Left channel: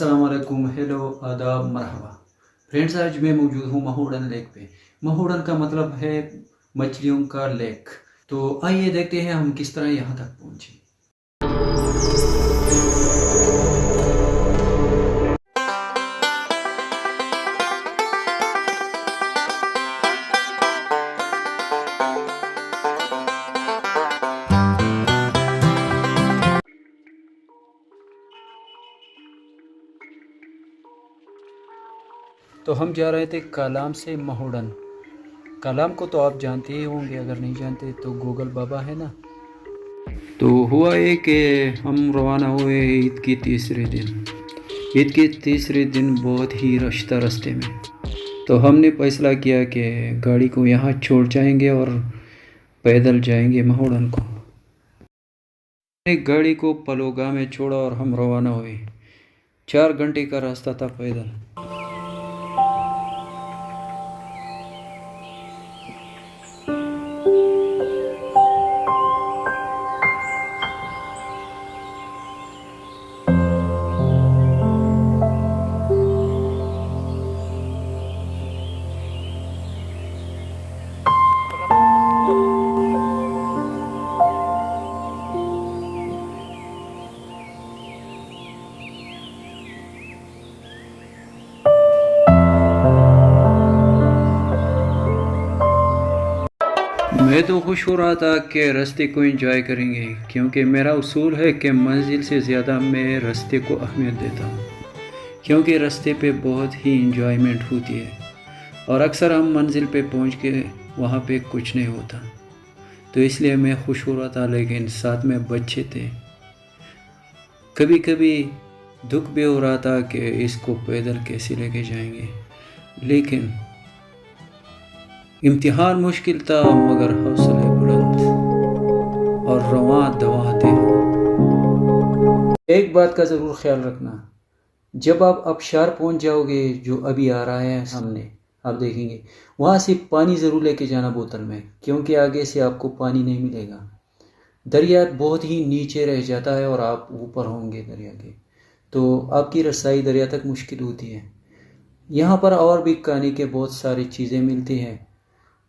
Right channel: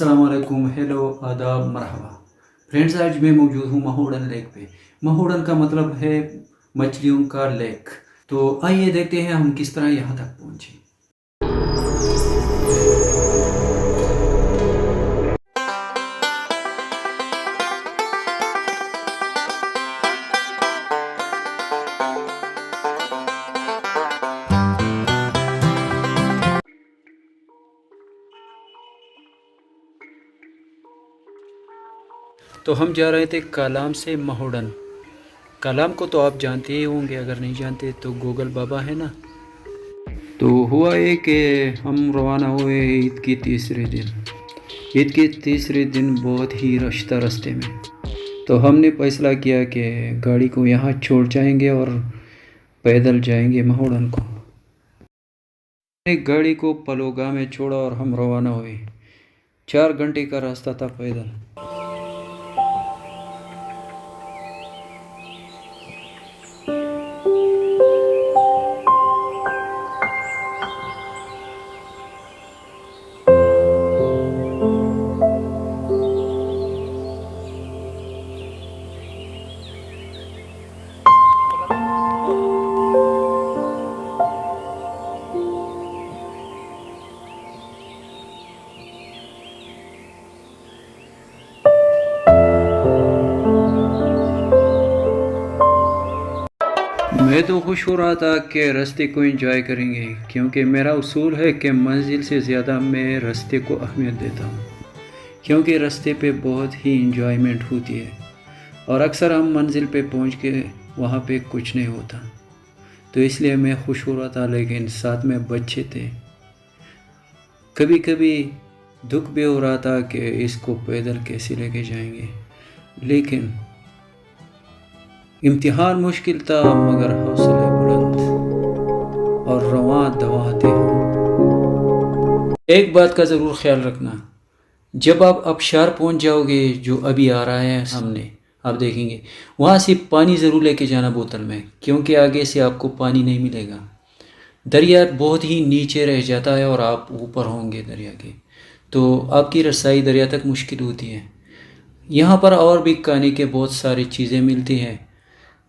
अस्सलाम वालेकुम, हेलो, आदाब, मरहबा। फ्रेंड्स, आज मैं मौजूद हूँ महोडन लेक पे। महोडन का मतलब है मछलियों का लेक। तो आइए देखते हैं हम किस तरह यहाँ तक पहुँचे। तो हम जा रहे थे कालाम से महोडन। कालाम को तो आप जानते ही होंगे, अगर नहीं जानते तो गूगल बाबा है ना। तो हुआ ये कि हम रवाना हुए ईद के तीसरे दिन। ईद के तीसरे दिन बहुत ही रश था रास्ते में। तो हमने फैसला किया कि गाड़ी को यहाँ छोड़ जाएंगे और पैदल जाएंगे महोडन को। एक गाड़ी को पलोगा में छोड़ा और हम रवाना हुए। 4 घंटे का रास्ता था पैदल। मैं तो खुश हो रहा था कि रास्ते को एंजॉय करेंगे, क्योंकि मेरा उसूल है कि मंजिल से ज़्यादा मैं रास्ते को अहमियत देता हूँ, क्योंकि रास्ते पे बहुत ही एंजॉयमेंट होती है। और अक्सर हम मंजिल पे पहुँच के वहाँ पे कुछ नहीं होता, तो इसलिए मैं खुश हो रहा था। लेकिन साथ में बच्चे थे, कभी कभी दुख भी हो रहा था कि इसको पैदल कैसे लेके जाएंगे। लेकिन इम्तिहान मुश्किल था, मगर हौसले बुलंद और रवां दवा थे हम। एक बात का ज़रूर ख्याल रखना, जब आप अबशार पहुंच जाओगे, जो अभी आ रहा है सामने, आप देखेंगे वहाँ से पानी ज़रूर लेके जाना बोतल में, क्योंकि आगे से आपको पानी नहीं मिलेगा। दरिया बहुत ही नीचे रह जाता है और आप ऊपर होंगे दरिया के, तो आपकी रसाई दरिया तक मुश्किल होती है। यहाँ पर और भी खाने के बहुत सारी चीज़ें मिलती हैं,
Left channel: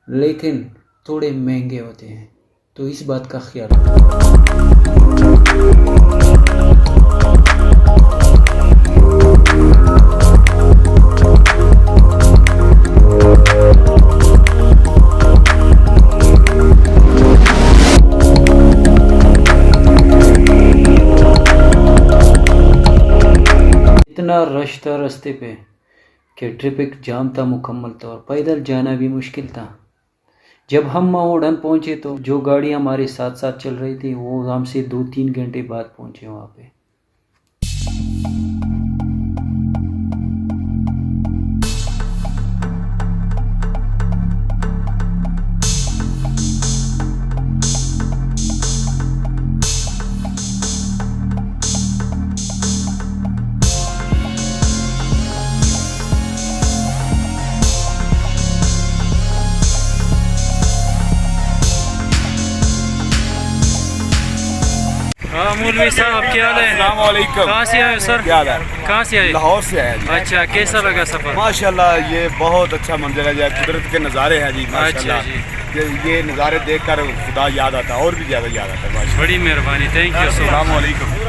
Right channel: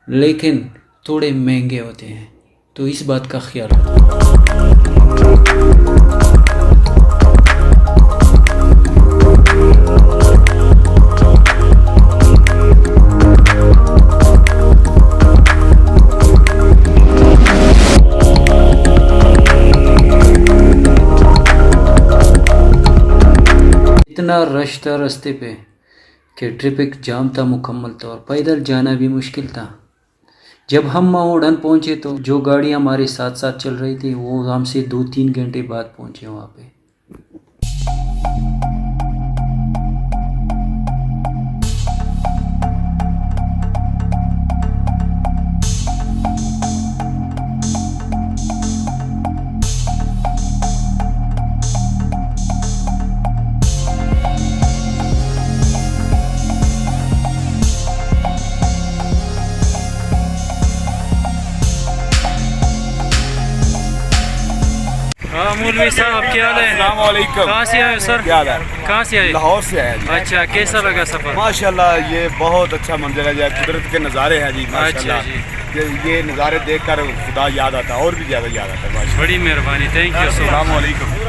लेकिन थोड़े महंगे होते हैं, तो इस बात का ख्याल रखो। इतना रश था रास्ते पे कि ट्रैफिक जाम था मुकम्मल तौर, पैदल जाना भी मुश्किल था। जब हम महोडन पहुंचे तो जो गाड़ी हमारे साथ साथ चल रही थी वो हमसे 2-3 घंटे बाद पहुंचे वहाँ पे। हाँ मौलवी साहब, क्या हाल है? अस्सलाम वालेकुम। कहाँ से आए सर? क्या हाल है? कहाँ से आए? लाहौर से आया जी। अच्छा, कैसा लगा सफर? माशाल्लाह, ये बहुत अच्छा मंजर है, कुदरत के नज़ारे हैं जी। अच्छा माशाल्लाह जी, ये नज़ारे देखकर खुदा याद आता है, और भी ज़्यादा याद आता है। माशाल्लाह, बड़ी मेहरबानी, थैंक यू सो अस्सलाम मच। वालेकुम।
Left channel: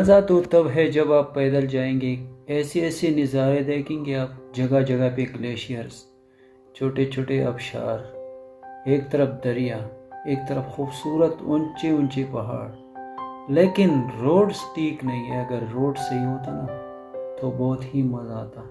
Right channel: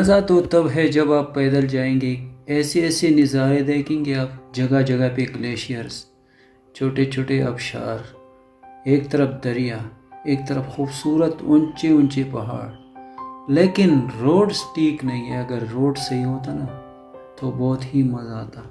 मज़ा तो तब है जब आप पैदल जाएंगे, ऐसे ऐसे नज़ारे देखेंगे आप। जगह जगह पे ग्लेशियर्स, छोटे छोटे आबशार, एक तरफ दरिया, एक तरफ खूबसूरत ऊंचे ऊंचे पहाड़। लेकिन रोड्स ठीक नहीं है। अगर रोड सही होता ना तो बहुत ही मज़ा आता।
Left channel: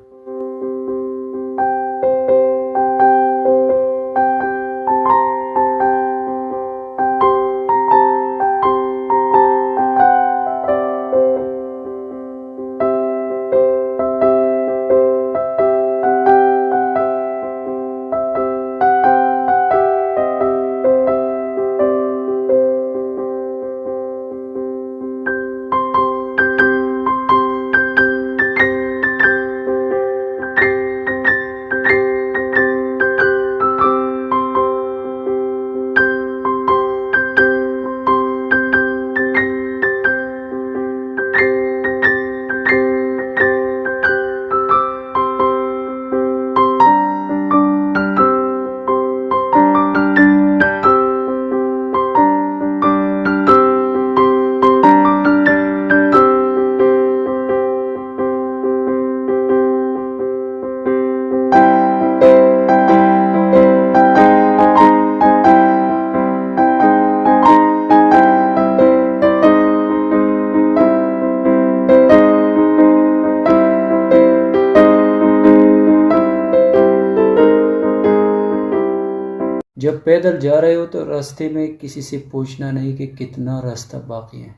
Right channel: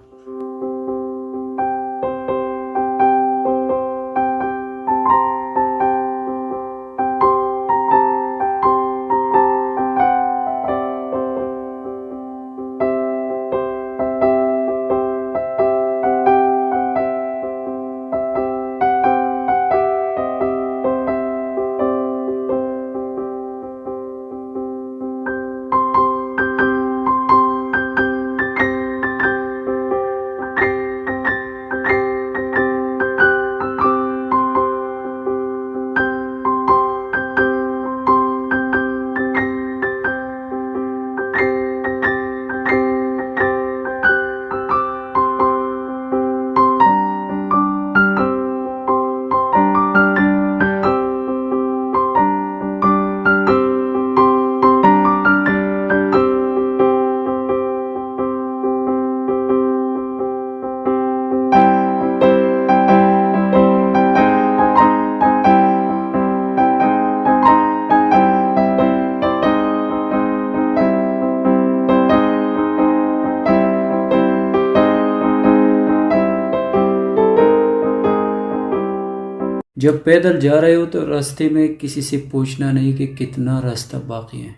जब पैदल जा रहे हो तो रास्ते में किसी से पूछना नहीं कि कितना रास्ता बाकी है।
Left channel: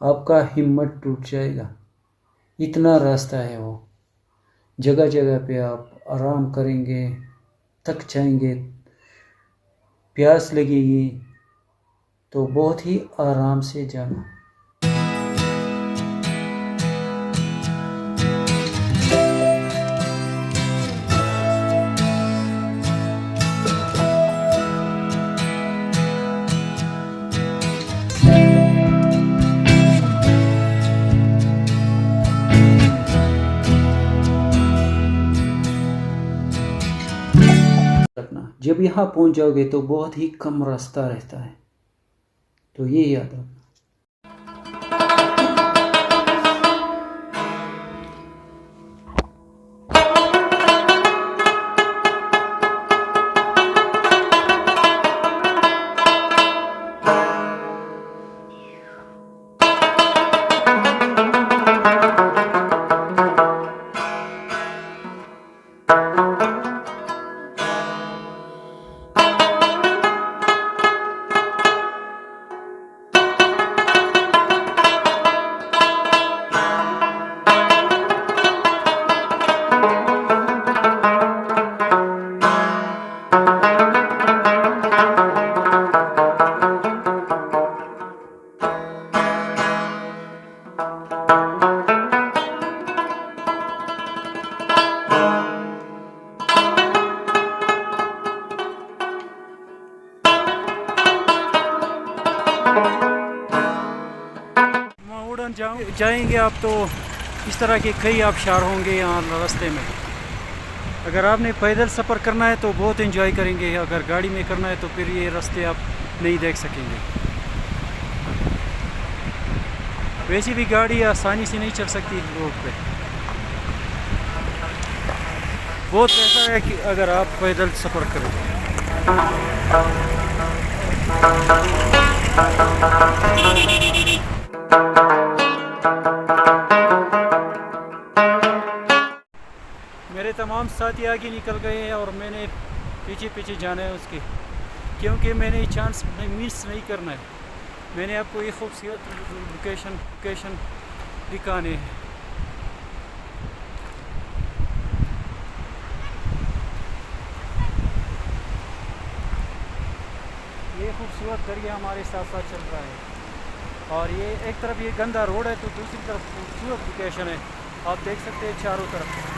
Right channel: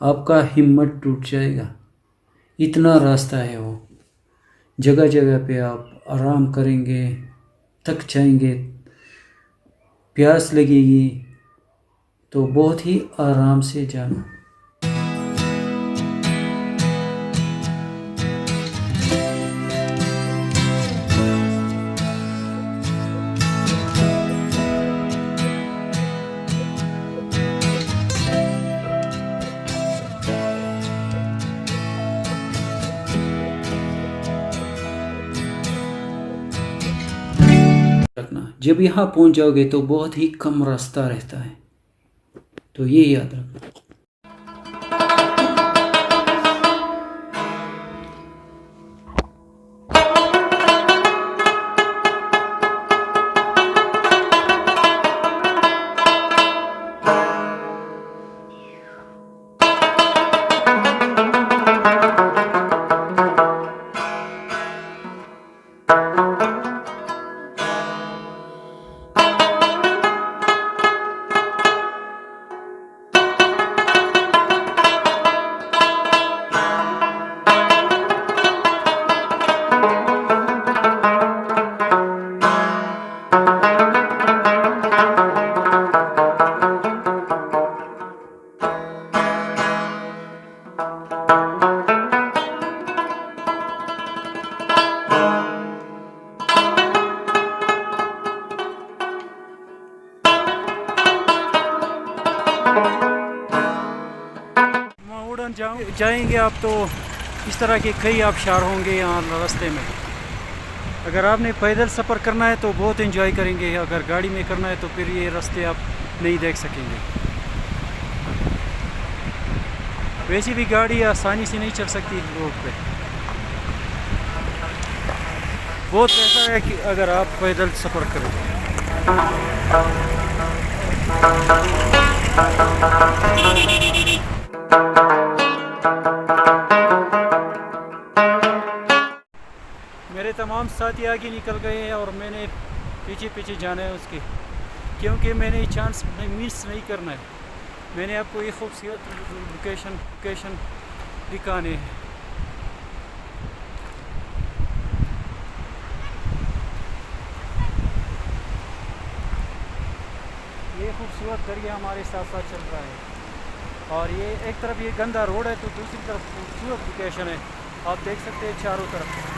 आपका हिम्मत टूट जाएगा, इतना रास्ता है वो। जगह जगह पे आप आराम करेंगे, थक जाएंगे, प्यास लगेगी, तो बहुत ही आराम से जाना। रखना, जब यहाँ पहुँच जाओगे तो बहुत ही कम रास्ता रहता है, तो ये याद रखना। जाएंगे आप तो इस तरह के कई आबशार होंगे यहाँ रास्ते में। अगर आपने पैदल सफ़र करना है तो बहुत एंजॉय करेंगे, अगर गाड़ी में करना है तो फिर ये रास्ते आप नहीं देख सकेंगे। वैसे भी गाड़ी आसानी से नहीं चल सकती रोड पे। बहुत बेहतर है कि अगर आप पैदल सफ़र करें। मेरे तमाम साथी आगे निकल गए हैं और मैंने पीछे पीछे जाना है उसके, क्योंकि मैंने ये चांस मिस नहीं करना है। मैंने आपको ये खूबसूरत लोकेशन दिखाने हैं। ये खूबसूरत दरिया हमारे साथ साथ चल रहा है और ये एक तरफ ये गंदा रोड है तो दूसरी तरफ खूबसूरत लोकेशन है। आप देख सकते हैं चारों तरफ।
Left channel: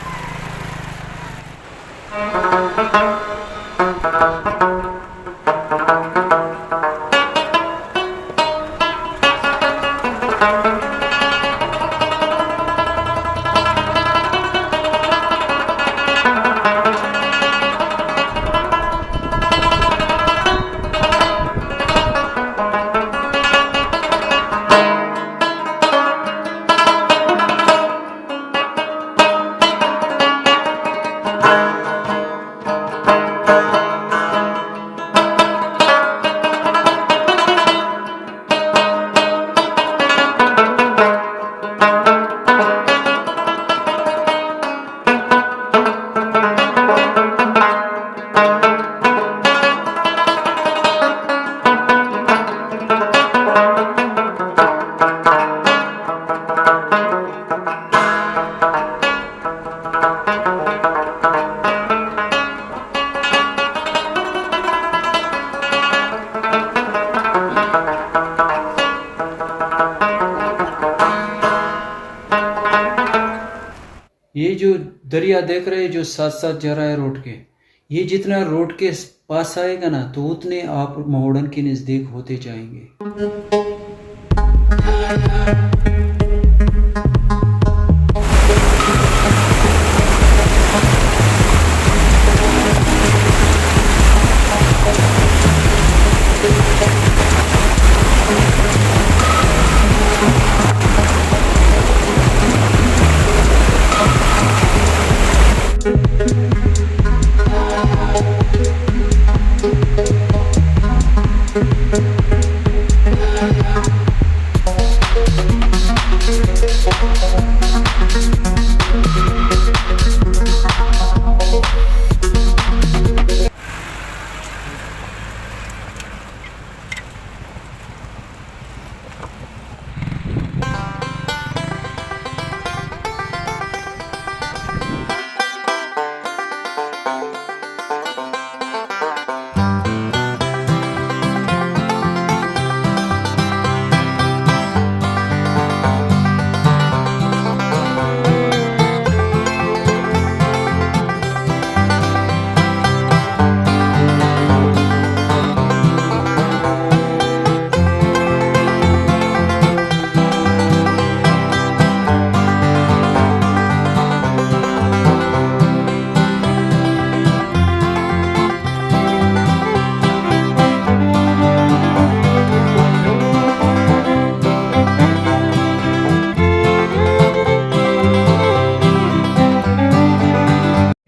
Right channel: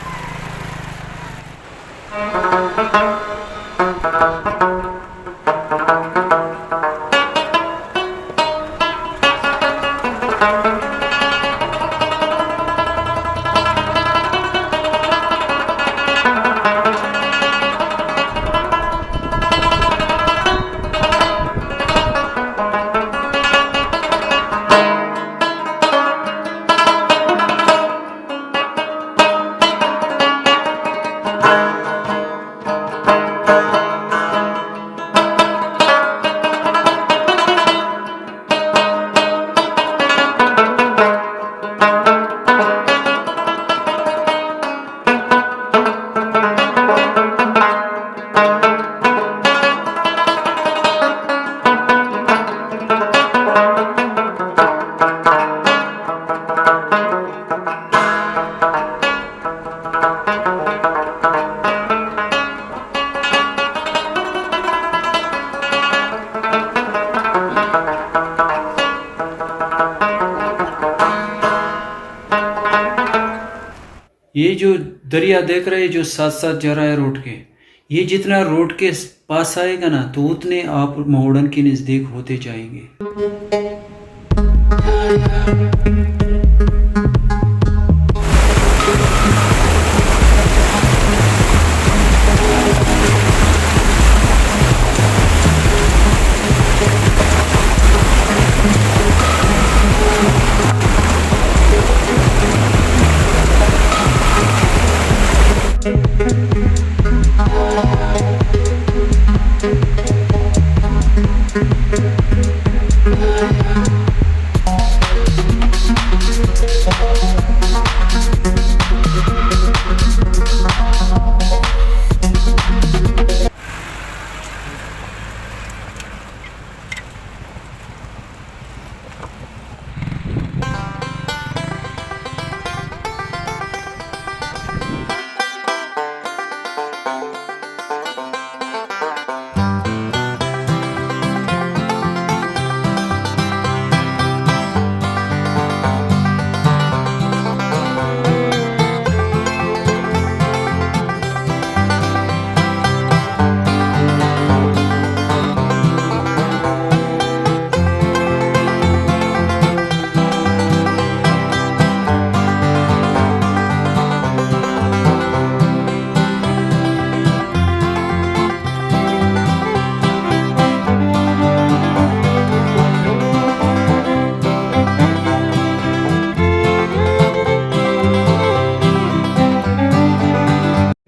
ये जो दरिया देख रहे हैं जो साथ साथ जा रहा है रोड के, ये जितना रोड के पास आएगा ना तो उतने आप मोहड़न के नज़दीक होते जाएंगे।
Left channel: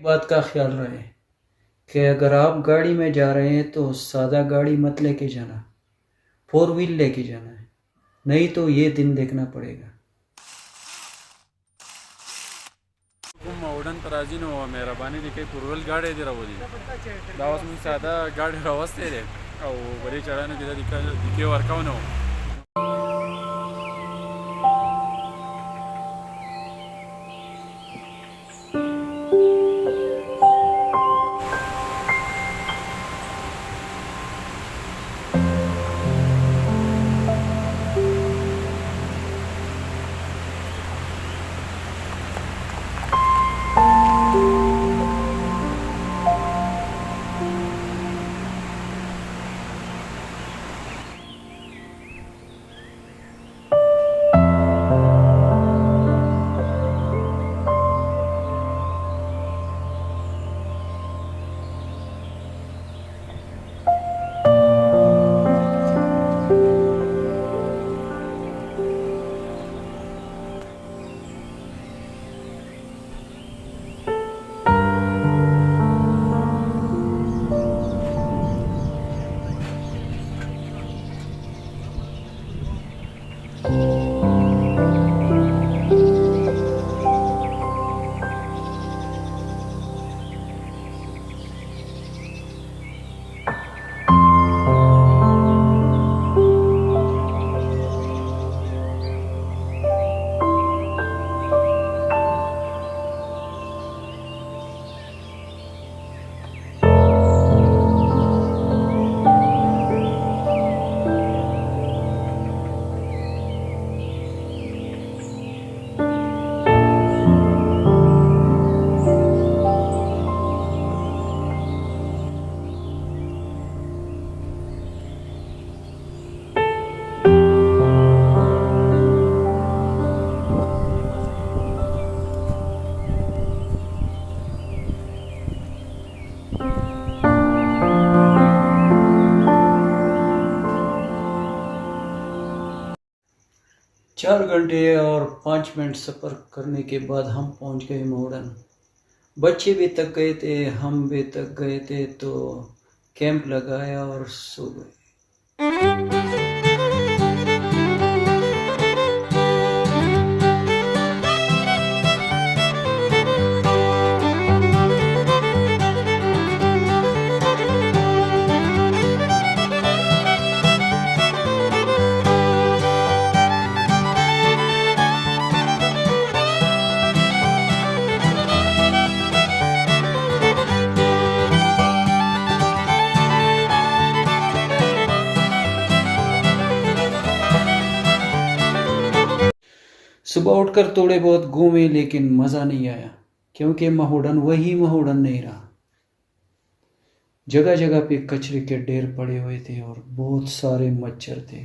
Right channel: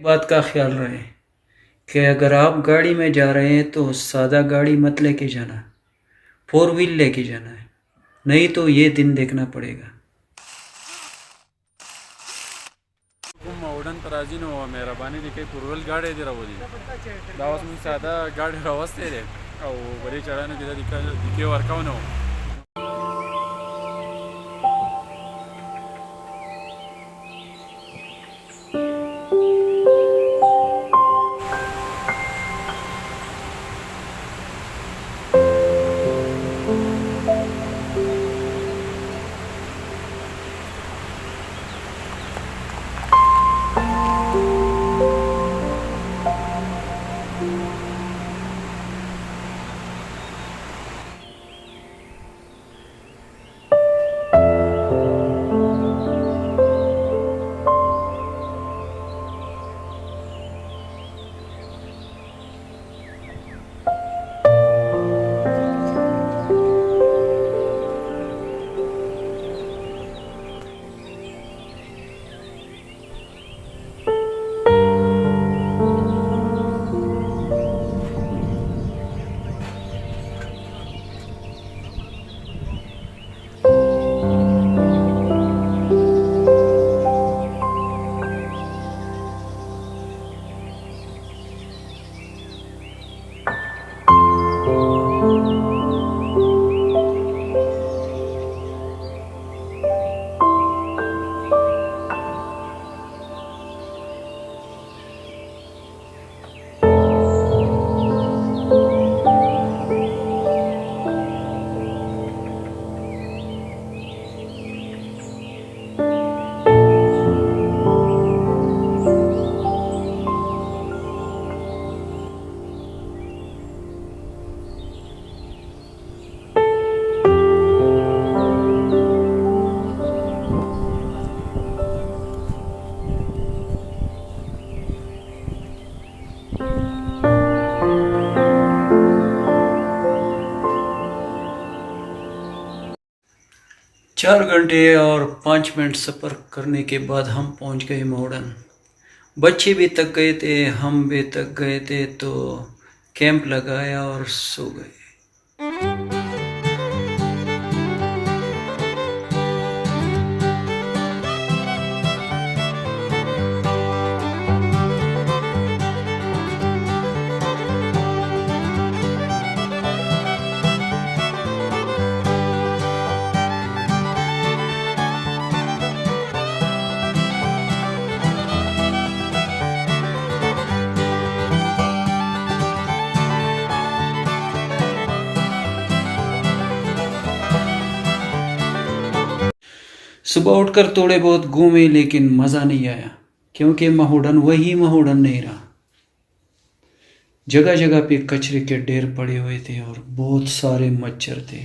बात का ख्याल रहे कि अगर आप गाड़ी में जा रहे हैं तो सादा गाड़ी मत लेके जाना, 4 व्हील लेके जाना है, नहीं तो ये दिन देखना पड़ेगा। मोडन तराजी नो मेहरबानी दिखे पूर्वल गाड़ी दे रहा दावस में सादा गाड़ी रवस्ते रे और बड़ी चढ़ाने की दिखे वर्काउ नो चार घंटे और 5 मिनट सफ़र करने के बाद हम पहुंच गए मोहड़न। बच्चे भी थक गए थे, हम भी थक गए थे, तो कैंप लगाया और सो गए। सुबह उठकर थोड़े बहुत घूमे लेकिन मज़ा नहीं आया, क्योंकि महोडन वही महोडन नहीं रहा। जगह जगह पे कचरे के ढेर पड़े हुए थे और बहुत सारे मच्छर थे।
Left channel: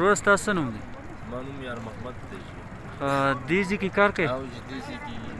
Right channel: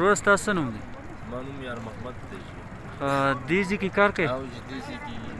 रोज तासन मालूम यार मोहम्मद दीजी की कार के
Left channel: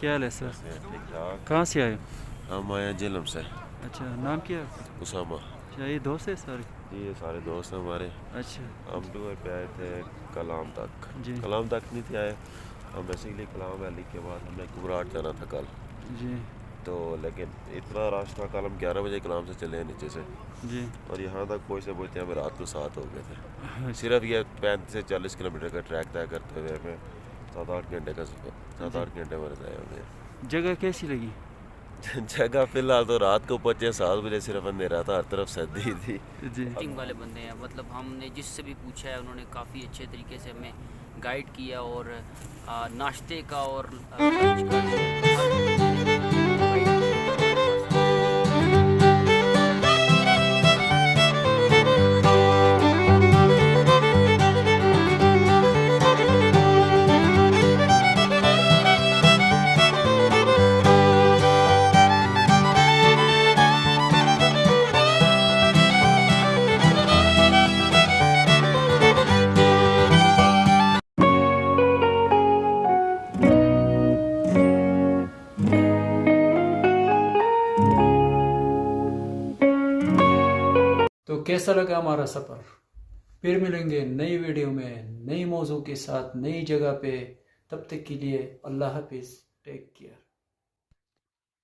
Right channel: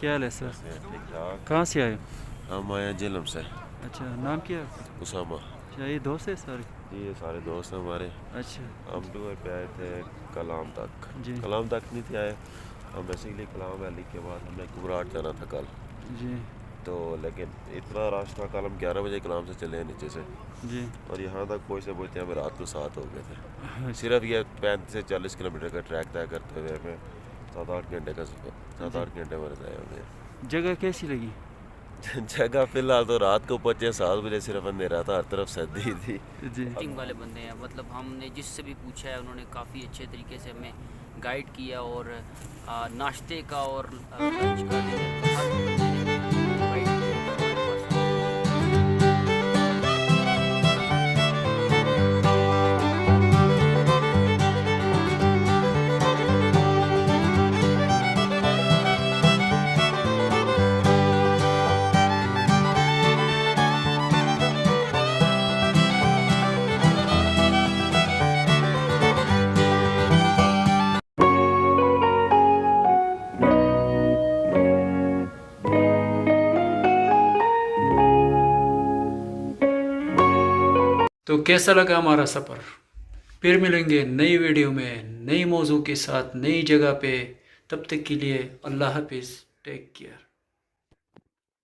क्या हाल है सर? कहाँ से आए हो? हम आए हैं जेलम से। अच्छा, नाम क्या है? उसामा। अच्छा, ये दोस्त है सारे? जी ये सारे दोस्त हैं हमारे। अच्छा, हम टूर पे आए थे कलाम तक। जी कलाम तक नहीं थे आए हम, बेसिकली कलाम वैली के बाद हमने कुबराट जाना था कल, जी तो लेकिन इतना रश था कल हम 11 बजे कलाम से चले नीचे से, जी और यहाँ तक पहुँचते पहुँचते हमें रात को 7 हो गए थे। सिर्फ ये 35 से 40 किलोमीटर का ट्रैक तय करते हुए हमें 7-8 घंटे का 7-8 घंटे हमारे तय हो गए। जगह कैसी लगी? जगह फिलहाल तो रात को पहुँचे 7 बजे, सिर्फ अंधेरा था, हर तरफ सर्दी थी। जी टिंग वाले बंदे हैं, मतलब हमने जिससे भी पूछा है उन्होंने काफ़ी अच्छे तरीके से हमें गाइड किया और नाश्ते का और लंच का डिनर का हर गाइड किया हमारे पास। तो कैसा लगा हमारा सफ़र? फिर मिलेंगे नई वीडियो में नई मौजू के साथ नई जगह पे। तब तक के लिए अल्लाह हाफिज़, टेक केयर।